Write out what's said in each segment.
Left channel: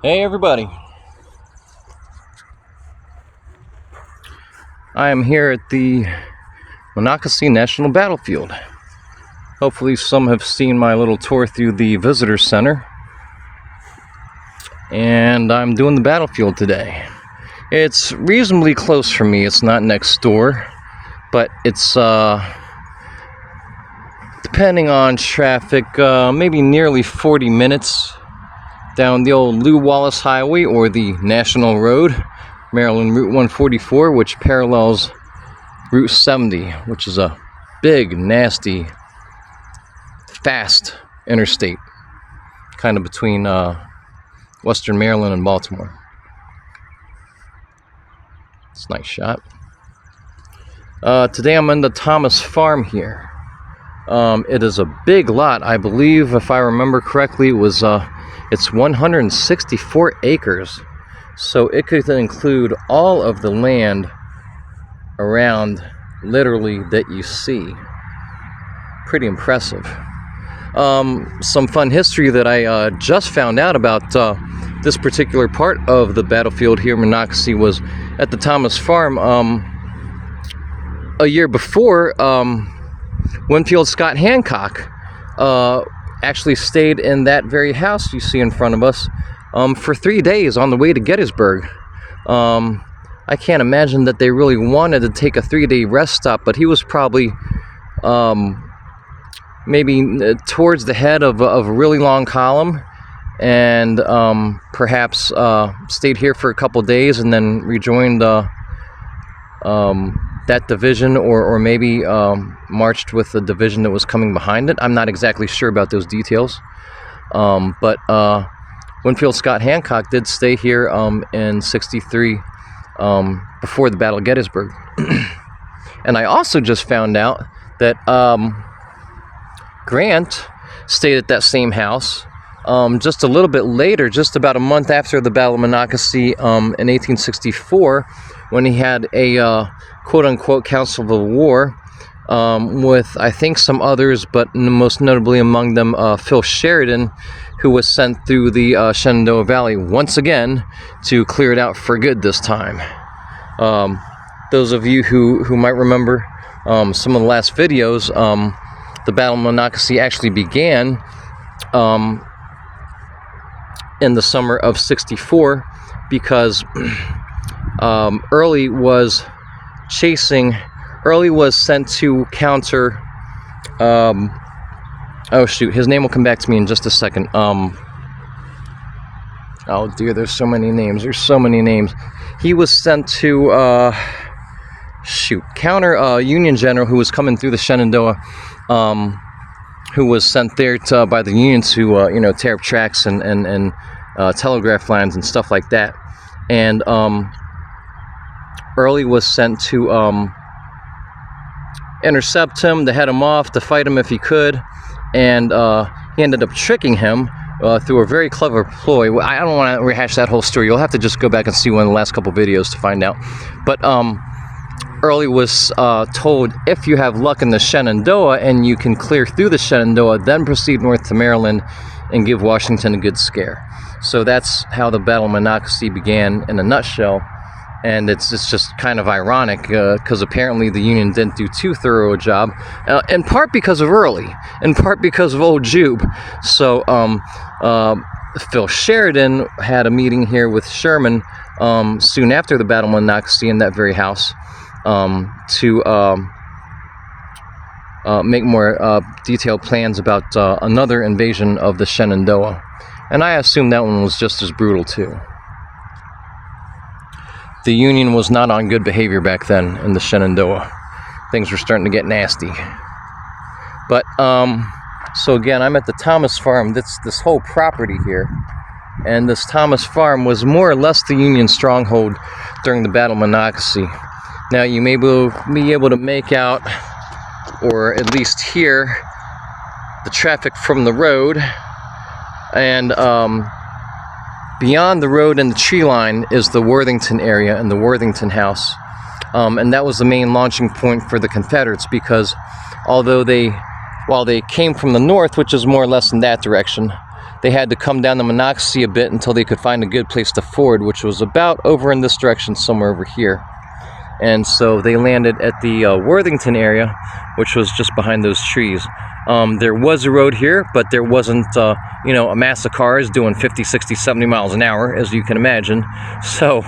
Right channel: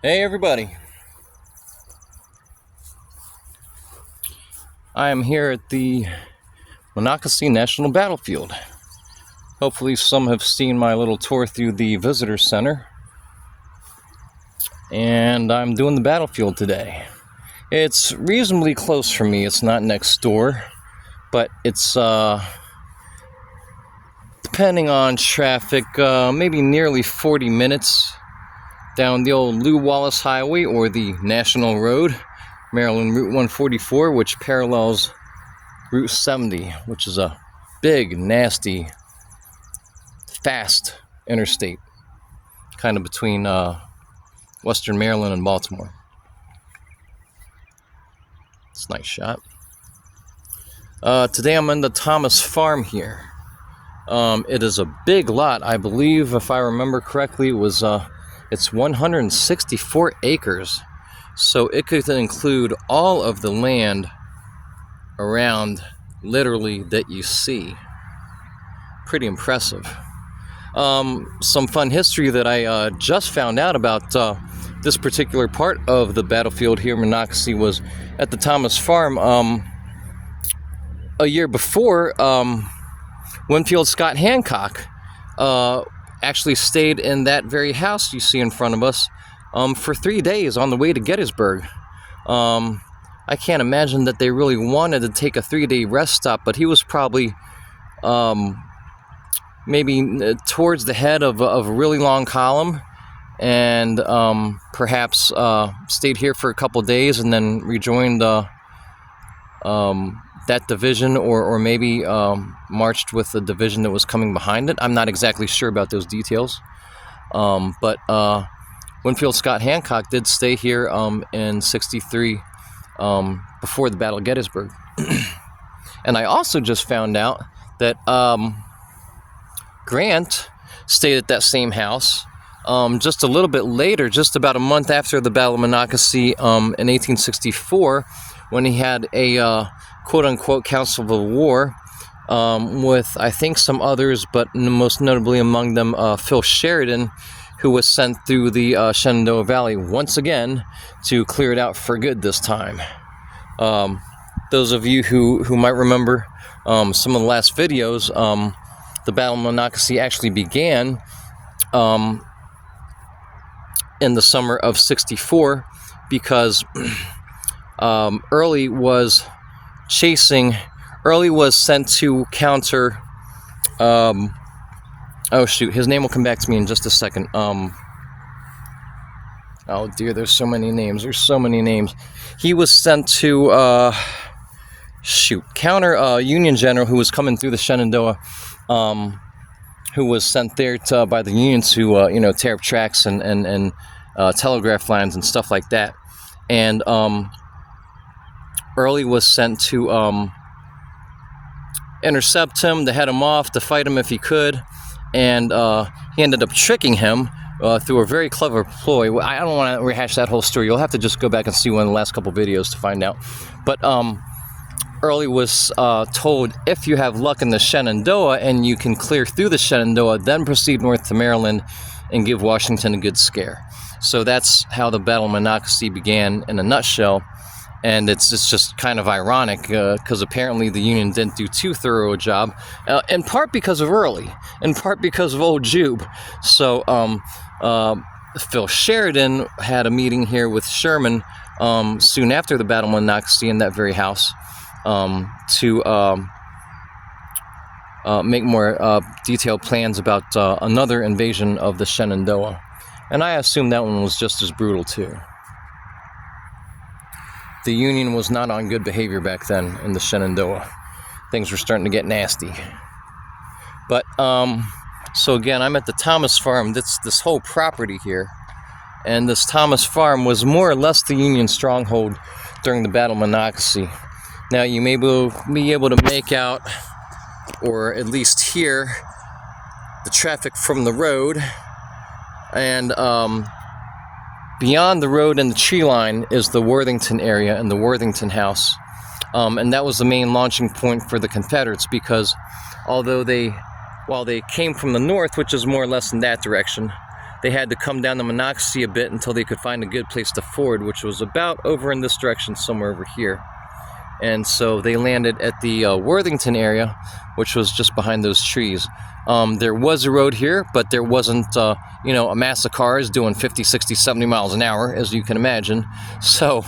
Hey everybody, I am here at the Monacacy National Battlefield. Hopefully some have seen my little tour through the visitor center, and I'm doing the battlefield today. It's reasonably close for me. It's not next door, but it's depending on traffic, maybe nearly 40 minutes down the old Lew Wallace Highway, or the National Road, Maryland Route 144, which parallels Route 70, which is a big, nasty, fast interstate, kind of between Western Maryland and Baltimore. It's a nice shot. Today I'm in the Thomas Farm here. It is a big lot. I believe, if I remember correctly, it's 164 acres, so it could include all of the land around, literally, that you see. Pretty impressive. Some fun history that I just found out about this particular part of the battlefield here in Monacacy was at the Thomas Farm. A year before, Winfield Scott Hancock actually stayed in that very house you see in front of us for 3 days on the way to Gettysburg. I can't imagine that they really wanted to take a 3-day rest stop, but he was probably maybe towards the head of a really long column, and perhaps stayed here for a couple days and then rejoined that division, or maybe marched with the division that was coming behind it. I'm not exactly sure about those details, but Winfield Scott Hancock did stay here in '63 before the Battle of Gettysburg. And I also just found out that Grant stayed at that same house just a little bit later, just about a month after the Battle of Monacacy in 1864, when he had a quote-unquote Council of War with, I think, some others, but most notably among them Phil Sheridan, who was sent through the Shenandoah Valley once again to clear it out for good this time. Those of you who might remember some of the last videos, the Battle of Monacacy actually began in the summer of '64 because Early was sent to counter, oh shoot, his name will come back to me in just a second. Oh dear, there's so many names. He was sent to, counter Union general who was coming through the Shenandoah, who was sent there by the Union to, tear up tracks and telegraph lines and stuff like that. And Early was sent to intercept him, to head him off, to fight him if he could, and he ended up tricking him through a very clever ploy. I don't want to rehash that whole story. You'll have to just go back and see one of the last couple videos to find out. But Early was told, if you have luck in the Shenandoah and you can clear through the Shenandoah, then proceed north to Maryland and give Washington a good scare. So that's how the Battle of Monacacy began in a nutshell. And it's just kind of ironic because apparently the Union didn't do too thorough a job, in part because of Early, in part because of old Jube. So Phil Sheridan had a meeting here with Sherman soon after the Battle of Monacacy in that very house to make more detailed plans about another invasion of the Shenandoah. And I assume that one was just as brutal too. The Union was not on good behavior back then in the Shenandoah. Things were starting to get nasty. But, so again, I'm at the Thomas Farm. That's this whole property here. And this Thomas Farm was more or less the Union stronghold during the Battle of Monacacy. Now, you may be able to make out, or at least hear, the traffic from the road. And, beyond the road and the tree line is the Worthington area and the Worthington House. And that was the main launching point for the Confederates, because while they came from the north, which is more or less in that direction, they had to come down the Monacacy a bit until they could find a good place to ford, which was about over in this direction, somewhere over here. And so they landed at the Worthington area, which was just behind those trees. There was a road here, but there wasn't, you know, a mass of cars doing 50, 60, 70 miles an hour, as you can imagine. So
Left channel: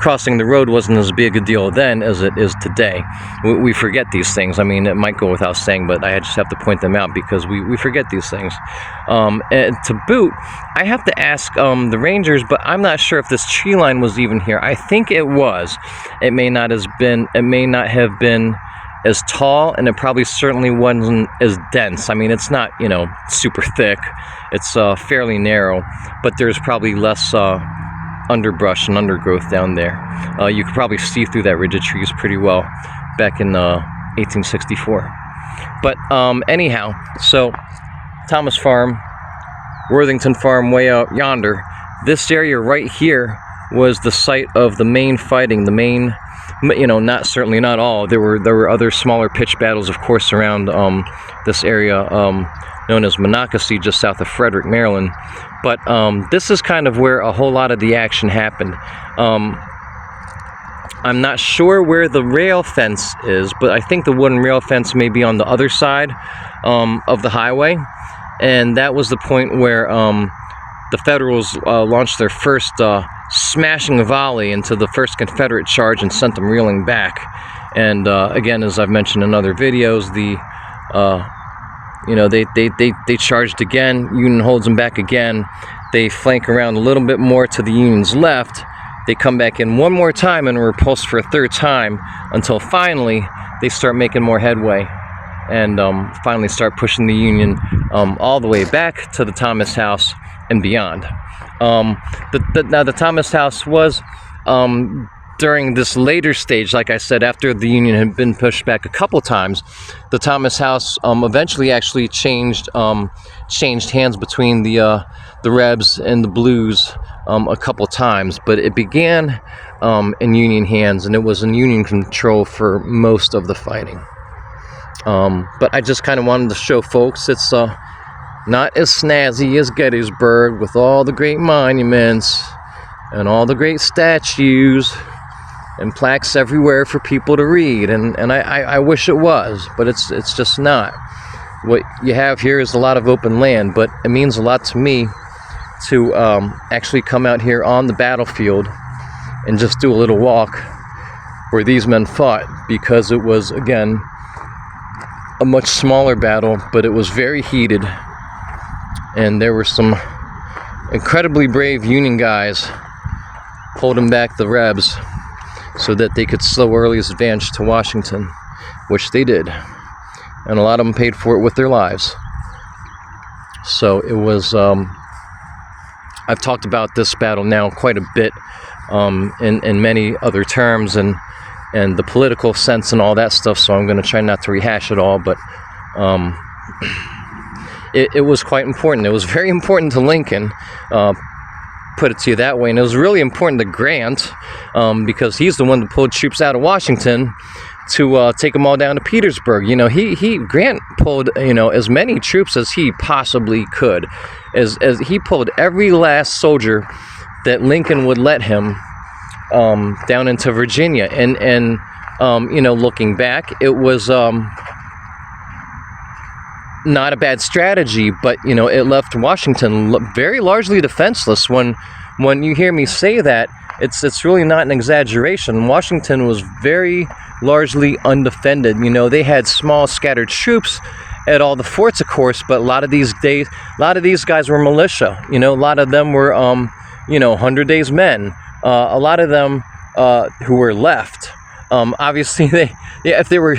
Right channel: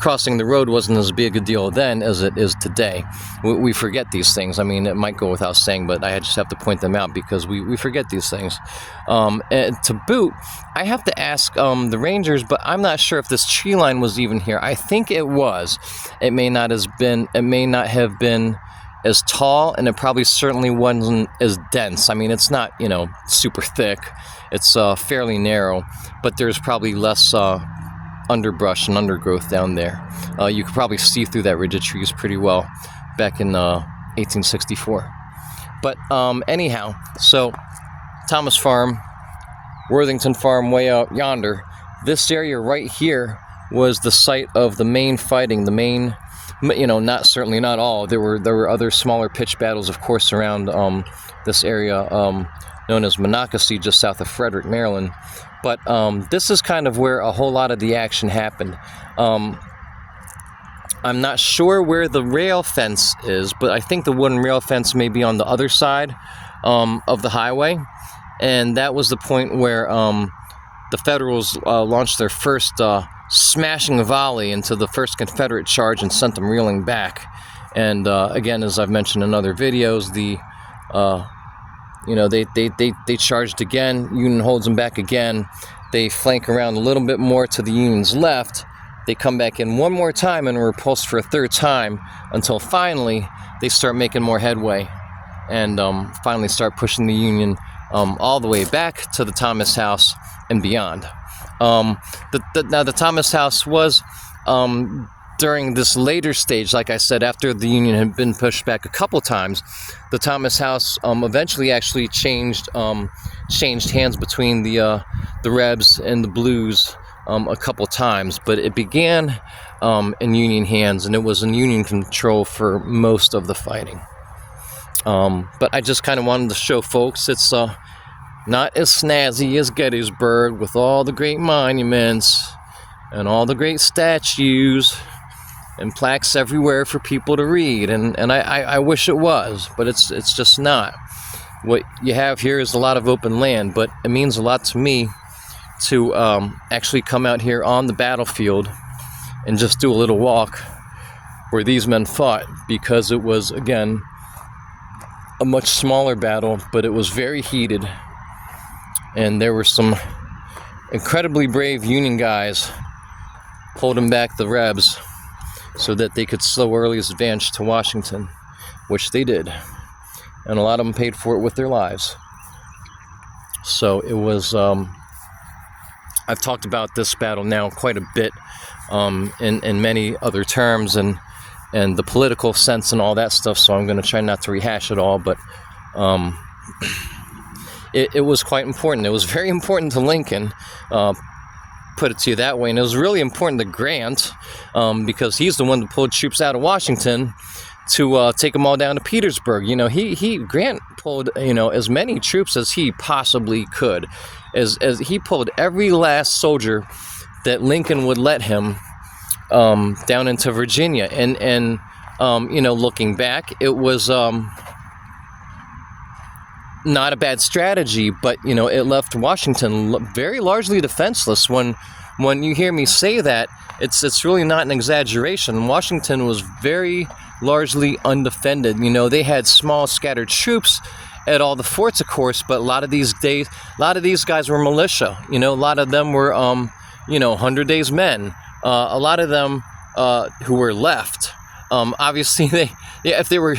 crossing the road wasn't as big a deal then as it is today. We forget these things. I mean, it might go without saying, but I just have to point them out because we forget these things. And to boot, I have to ask the rangers, but I'm not sure if this tree line was even here. I think it was. It may not have been as tall, and it probably certainly wasn't as dense. I mean, it's not, you know, super thick. It's fairly narrow, but there's probably less underbrush and undergrowth down there. You could probably see through that ridge of trees pretty well back in 1864. But anyhow, so Thomas Farm, Worthington Farm way out yonder. This area right here was the site of the main fighting, the main, you know, certainly not all. There were other smaller pitched battles, of course, around this area known as Monacacy, just south of Frederick, Maryland. But this is kind of where a whole lot of the action happened. I'm not sure where the rail fence is, but I think the wooden rail fence may be on the other side of the highway. And that was the point where the Federals launched their first smashing volley into the first Confederate charge and sent them reeling back. And again, as I've mentioned in other videos, you know, they charged again. Union holds them back again. They flank around a little bit more to the Union's left. They come back in one more time and repulse for a third time until finally they start making more headway and finally start pushing the Union all the way back to the Thomas House and beyond. Now the Thomas House was during this later stage, like I said, after the Union had been pushed back a couple times, the Thomas House eventually actually changed hands between the Rebs and the Blues a couple times, but it began in Union hands, and it was in Union control for most of the fighting. But I just kind of wanted to show folks it's not as snazzy as Gettysburg with all the great monuments and all the great statues and plaques everywhere for people to read, and I wish it was, but it's just not. What you have here is a lot of open land, but it means a lot to me to actually come out here on the battlefield and just do a little walk where these men fought, because it was, again, a much smaller battle, but it was very heated, and there were some incredibly brave Union guys holding back the Rebs so that they could slow Early's advance to Washington, which they did, and a lot of them paid for it with their lives. So it was I've talked about this battle now quite a bit in many other terms and the political sense and all that stuff, so I'm going to try not to rehash it all, but it was quite important. It was very important to Lincoln, put it to you that way, and it was really important to Grant, because he's the one that pulled troops out of Washington to take them all down to Petersburg. You know, Grant pulled, you know, as many troops as he possibly could, as he pulled every last soldier that Lincoln would let him down into Virginia, and you know, looking back, it was not a bad strategy, but you know, it left Washington very largely defenseless. When you hear me say that, it's really not an exaggeration. Washington was very largely undefended. You know, they had small scattered troops at all the forts, of course, but a lot of these guys were militia. You know, a lot of them were you know, 100 Days men. A lot of them who were left, obviously if they were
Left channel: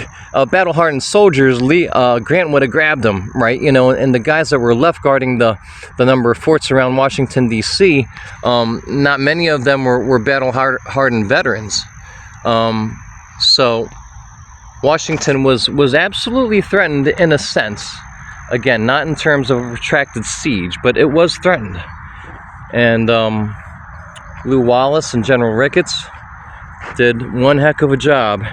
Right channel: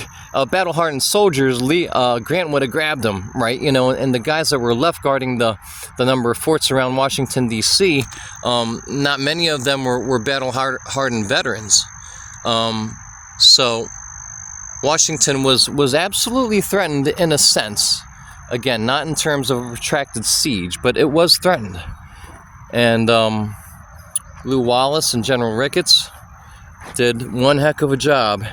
battle-hardened soldiers, Grant would have grabbed them, right? You know, and the guys that were left guarding the number of forts around Washington, D.C., not many of them were battle-hardened veterans. So Washington was absolutely threatened in a sense. Again, not in terms of a protracted siege, but it was threatened. And Lew Wallace and General Ricketts did one heck of a job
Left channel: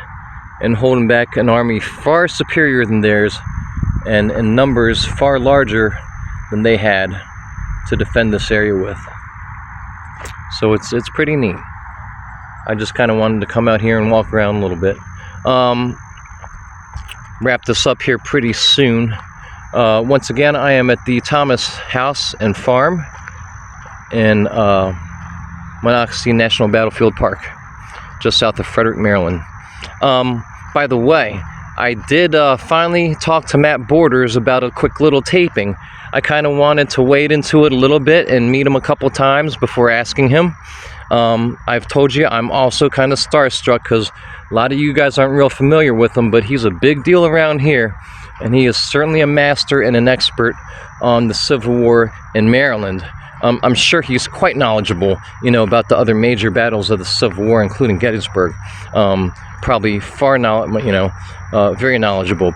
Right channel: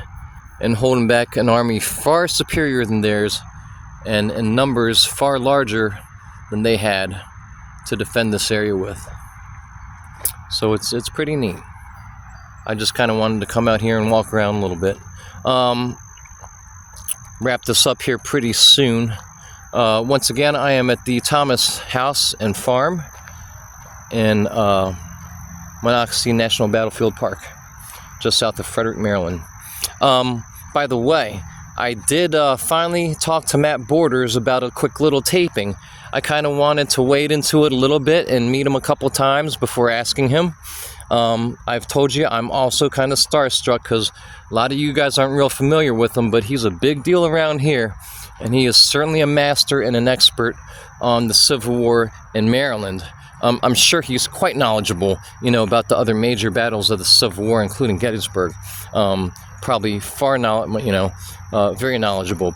in holding back an army far superior than theirs and in numbers far larger than they had to defend this area with. So it's pretty neat. I just kind of wanted to come out here and walk around a little bit. Wrap this up here pretty soon. Once again, I am at the Thomas House and Farm in Monacacy National Battlefield Park, just south of Frederick, Maryland. By the way, I did finally talk to Matt Borders about a quick little taping. I kind of wanted to wade into it a little bit and meet him a couple times before asking him. I've told you I'm also kind of starstruck because a lot of you guys aren't real familiar with him, but he's a big deal around here, and he is certainly a master and an expert on the Civil War in Maryland. I'm sure he's quite knowledgeable, you know, about the other major battles of the Civil War, including Gettysburg. Probably very knowledgeable.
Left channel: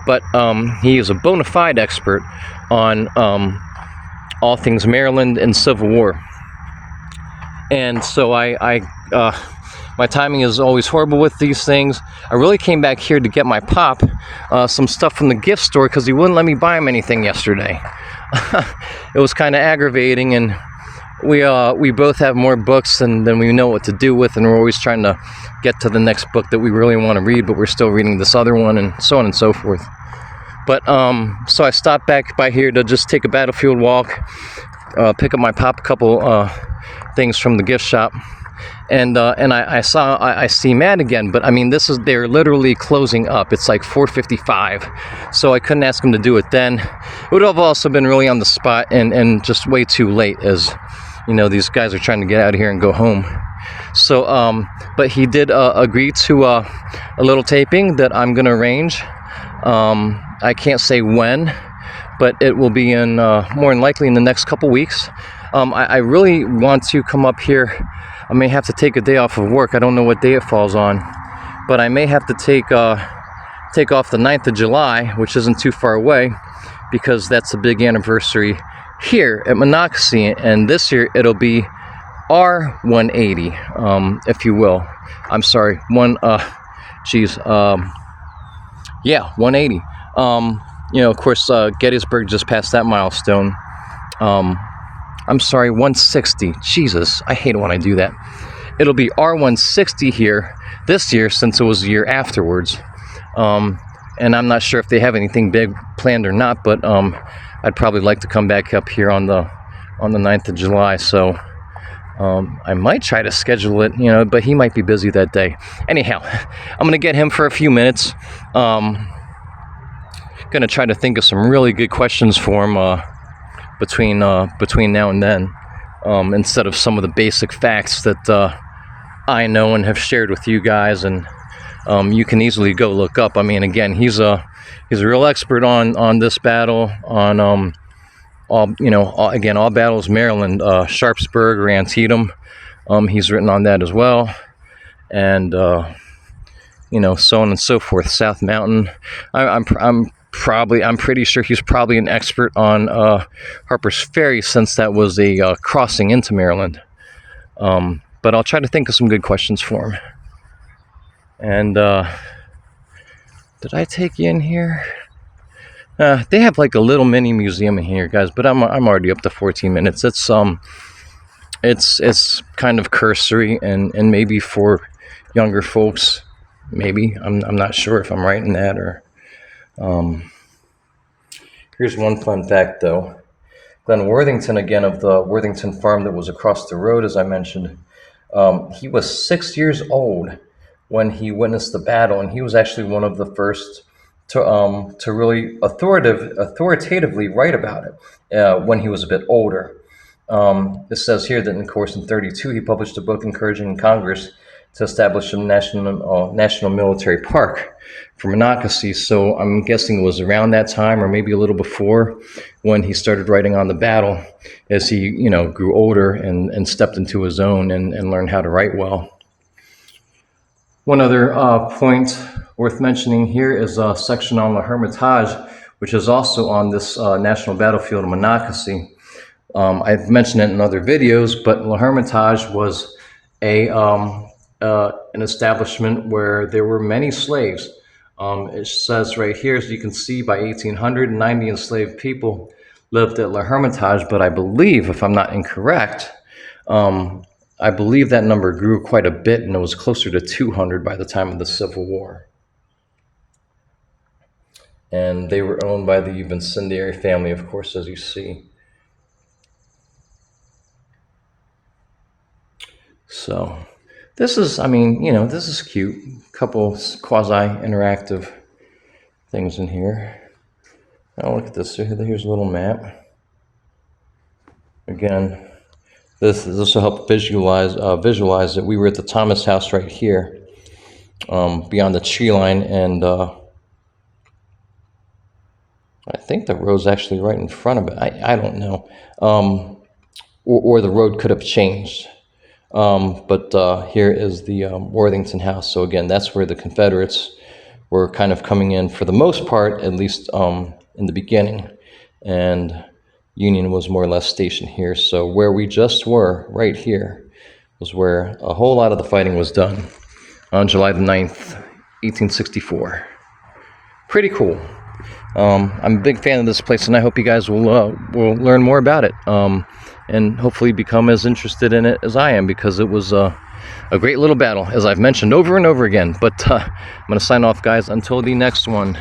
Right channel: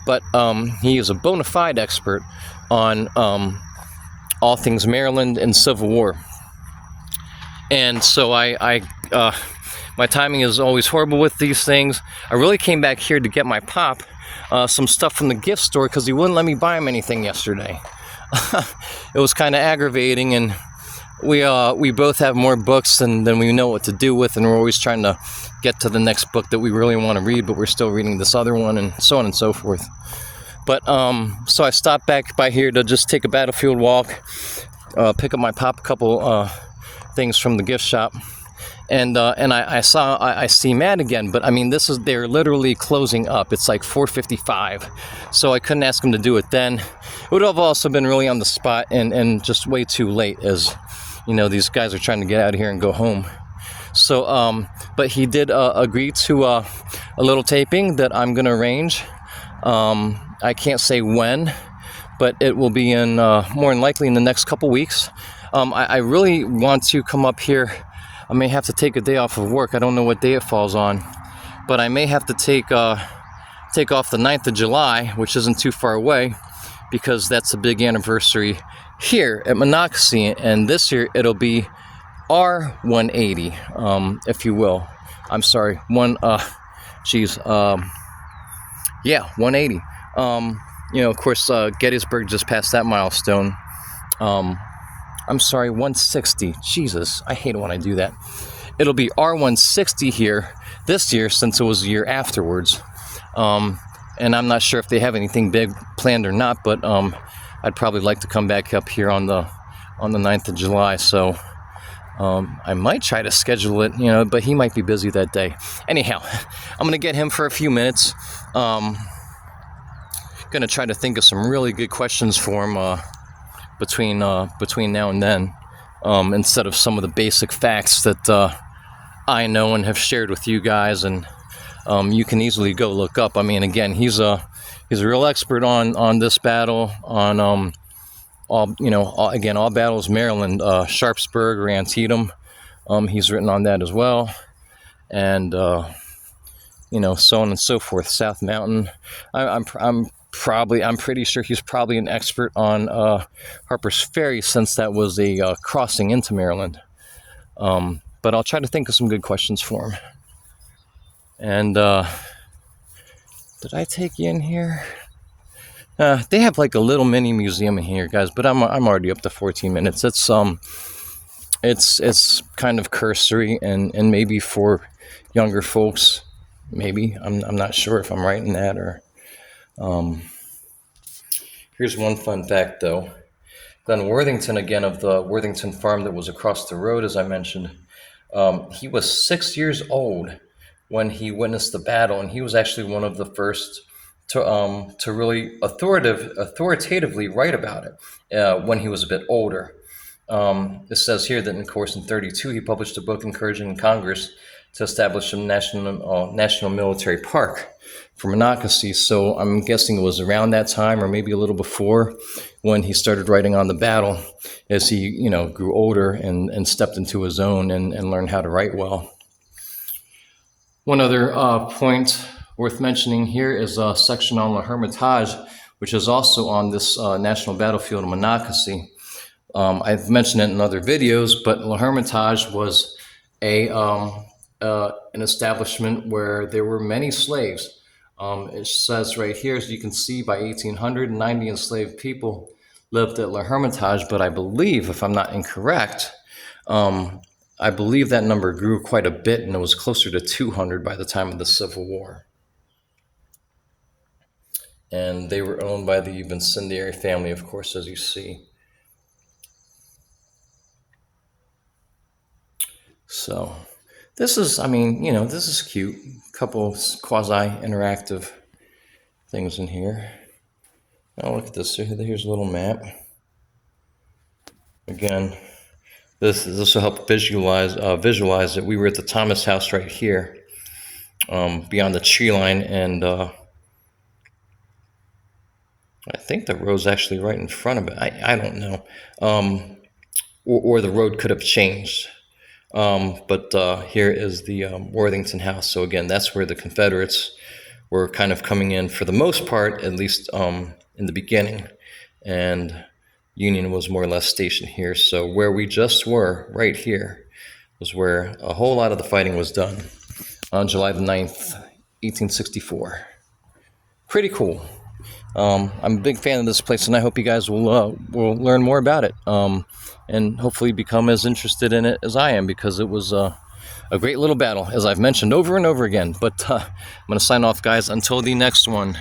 But he is a bona fide expert on all things Maryland and Civil War. And so my timing is always horrible with these things. I really came back here to get my pop some stuff from the gift store because he wouldn't let me buy him anything yesterday. It was kind of aggravating, and we both have more books than we know what to do with, and we're always trying to get to the next book that we really want to read, but we're still reading this other one, and so on and so forth. But so I stopped back by here to just take a battlefield walk, pick up my pop, a couple things from the gift shop, and I see Matt again. But I mean, they're literally closing up. It's like 4:55, so I couldn't ask him to do it then. It would have also been really on the spot and just way too late, as you know, these guys are trying to get out of here and go home. So but he did agree to a little taping that I'm gonna arrange. I can't say when, but it will be in more than likely in the next couple weeks. I really want to come up here. I may have to take a day off of work. I don't know what day it falls on, but I may have to take off the 9th of July, which isn't too far away, because that's a big anniversary here at Monacacy, and this year it'll be R180, if you will. I'm sorry, 180. You know, of course, Gettysburg just passed that milestone. I'm sorry, 160. Jesus, I hate it when I do that. It'll be R160 here this year, since it was a year afterwards. And I'm not sure if they have anything big planned or not, but I'd probably like to come back up here on the 9th of July. So I might try to schedule it, you know, but he might be busy that day. Anyhow, I'm gonna get him for a few minutes. Gonna try to think of some really good questions for him between now and then, instead of some of the basic facts that I know and have shared with you guys, and you can easily go look up. I mean, again, he's a real expert on this battle, on all battles Maryland, Sharpsburg or Antietam. He's written on that as well, and you know, so on and so forth. South Mountain. I'm pretty sure he's probably an expert on Harper's Ferry, since that was a crossing into Maryland. But I'll try to think of some good questions for him. And did I take you in here? They have like a little mini museum in here, guys. But I'm already up to 14 minutes. It's kind of cursory and maybe for younger folks. Maybe I'm not sure if I'm right in that, or. Here's one fun fact, though. Glenn Worthington, again, of the Worthington farm that was across the road, as I mentioned, he was 6 years old when he witnessed the battle, and he was actually one of the first to really authoritatively write about it when he was a bit older. It says here that, of course, in 1932, he published a book encouraging Congress to establish a national military park for Monacacy. So I'm guessing it was around that time, or maybe a little before, when he started writing on the battle, as he, you know, grew older and stepped into his own and learned how to write well. One other point worth mentioning here is a section on La Hermitage, which is also on this national battlefield of Monacacy. I've mentioned it in other videos, but La Hermitage was an establishment where there were many slaves. It says right here, as you can see, by 1800, 90 enslaved people lived at La Hermitage, but I believe, if I'm not incorrect, I believe that number grew quite a bit, and it was closer to 200 by the time of the Civil War. And they were owned by the Incendiary family, of course, as you see. So this is, I mean, you know, this is cute. A couple quasi-interactive things in here. Now look at this. Here's a little map. Again, this will help visualize that we were at the Thomas house right here, beyond the tree line, and I think the road's actually right in front of it. I don't know, or the road could have changed. But here is the Worthington house. So again, that's where the Confederates were kind of coming in for the most part, at least in the beginning, and Union was more or less stationed here. So where we just were, right here, was where a whole lot of the fighting was done on July the 9th, 1864. Pretty cool. I'm a big fan of this place, and I hope you guys will learn more about it, and hopefully become as interested in it as I am, because it was a great little battle, as I've mentioned over and over again. But I'm going to sign off, guys, until the next one.